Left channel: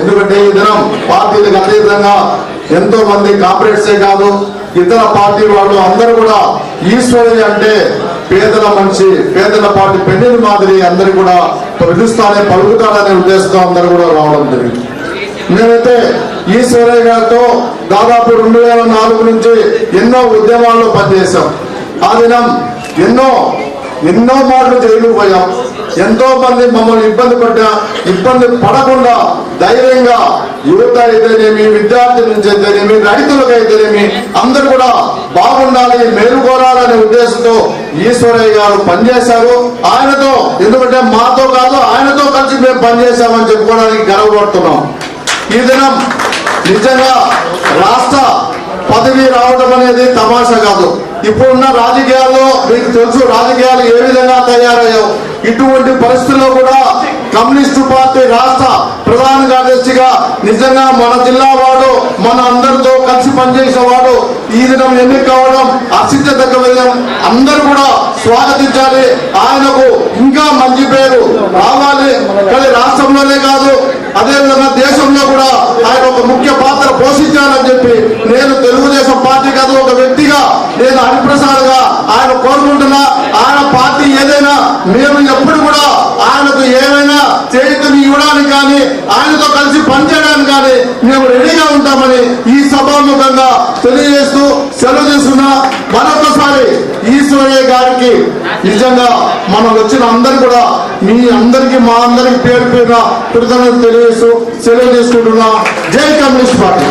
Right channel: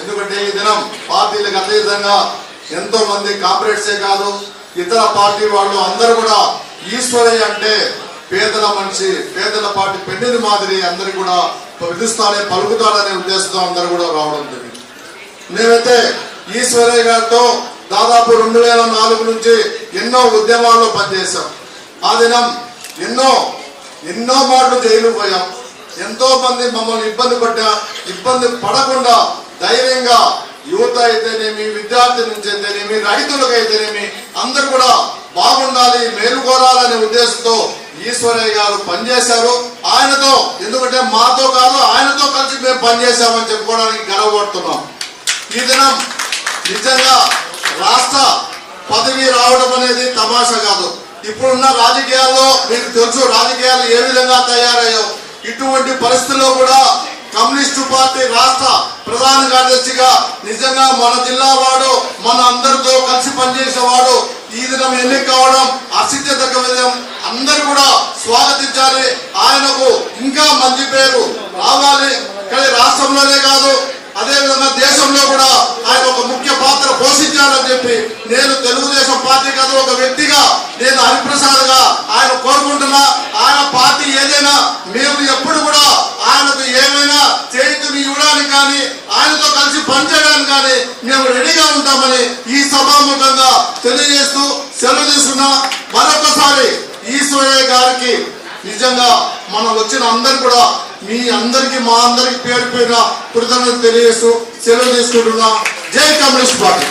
ఎందుకంటే ఈ దినం పార్టీలకు అతీతంగా ఎంతో మంది కాంగ్రెసే కాదు ఇతర పార్టీ వాళ్ళు అందరూ కూడా ఈశ్వరయ్య అంటే పేదల మనిషి, పేదల పార్టీ పెన్నిది మాదిరి అందరూ కూడా పిలుస్తానే పలుకుతాడనే ఉద్దేశంతో అందరూ కూడా రావడం జరిగింది. మేమైతే ఈశ్వరయ్య గారితో దాదాపు 2004 నుంచి ఎన్నో ఉద్యమాల్లో పనిచేశాం. ఆ దినం ఎన్నో మార్లు జైలు పోయాం. ఎంతో మంది మమ్మల్ని ఇబ్బంది పడకుండా ధైర్యంగా యువత అయితేనేమి, విద్యార్థి నుంచి అయితేనేమి, రైతులకు అయితేనేమి అందరూ కూడా బాగుండాలి, మేలు కోరాలనే ఉద్దేశంతో ఈశ్వరయ్య గారు పనిచేశారు. ఆయనతో, ఎందుకంటే మాతో కాదు ఆయనతో కలిసి మేము పనిచేశామని చెప్పుకోవడానికి గర్వపడుతున్నాం. ఈ దినం నిజంగా రాష్ట్ర పదవి రావడం అనేది తమాషా కాదు. ఇప్పుడున్న రాజకీయాల్లో మీకు తెలుసు రాజకీయాలు ఏ విధంగా తయారయ్యో. ఇటువంటి పరిస్థితుల్లో కూడా కమ్యూనిస్టు పార్టీ రాష్ట్ర ప్రధాన కార్యదర్శిగా నిజంగా మన జిల్లా వాడు, మన అందరితో కలిసి పనిచేసిన వాడు ఈ దినం ఎన్నిక కావడం హర్షించదగ్గ విధం. అందరూ కూడా స్వాగతించాలి. ఆయనకు ఇంకా మంచి పేరు రావాలి. కానీ రాష్ట్రంలోనే కాదు, అదేవిధంగా దేశంలో కూడా ఆయన ఒక ముఖ్య పాత్ర పోషించాలని చెప్పి నేను తెలుగుదేశం పార్టీ కాదు ఒక వ్యక్తిగా నేను హరిప్రసాద్ గా ఆయన కోరుకుంటున్నా. ఆయన పార్టీ ఏదైనా మేము ఎప్పుడు కూడా ఆయనకు ఏమైనా చేతుని ఇవ్వడానికి కానీ ఆయనతో కలిసి పనిచేయడానికి కానీ మేము రెడీగా ఉంటామని ఈ సభాముఖంగా తెలియజేస్తూ సెలవు తీసుకున్నా. మరొకసారి ఈశ్వరయ్య గారికి నిజంగా మనం వచ్చిన అందరు కూడా మీ అందరికి మా అందరికి పేరు పేరున కృతజ్ఞతలు తెలియజేస్తూ సెలవు తీసుకుంటున్నా. జై కమ్యూనిస్ట్ పార్టీ.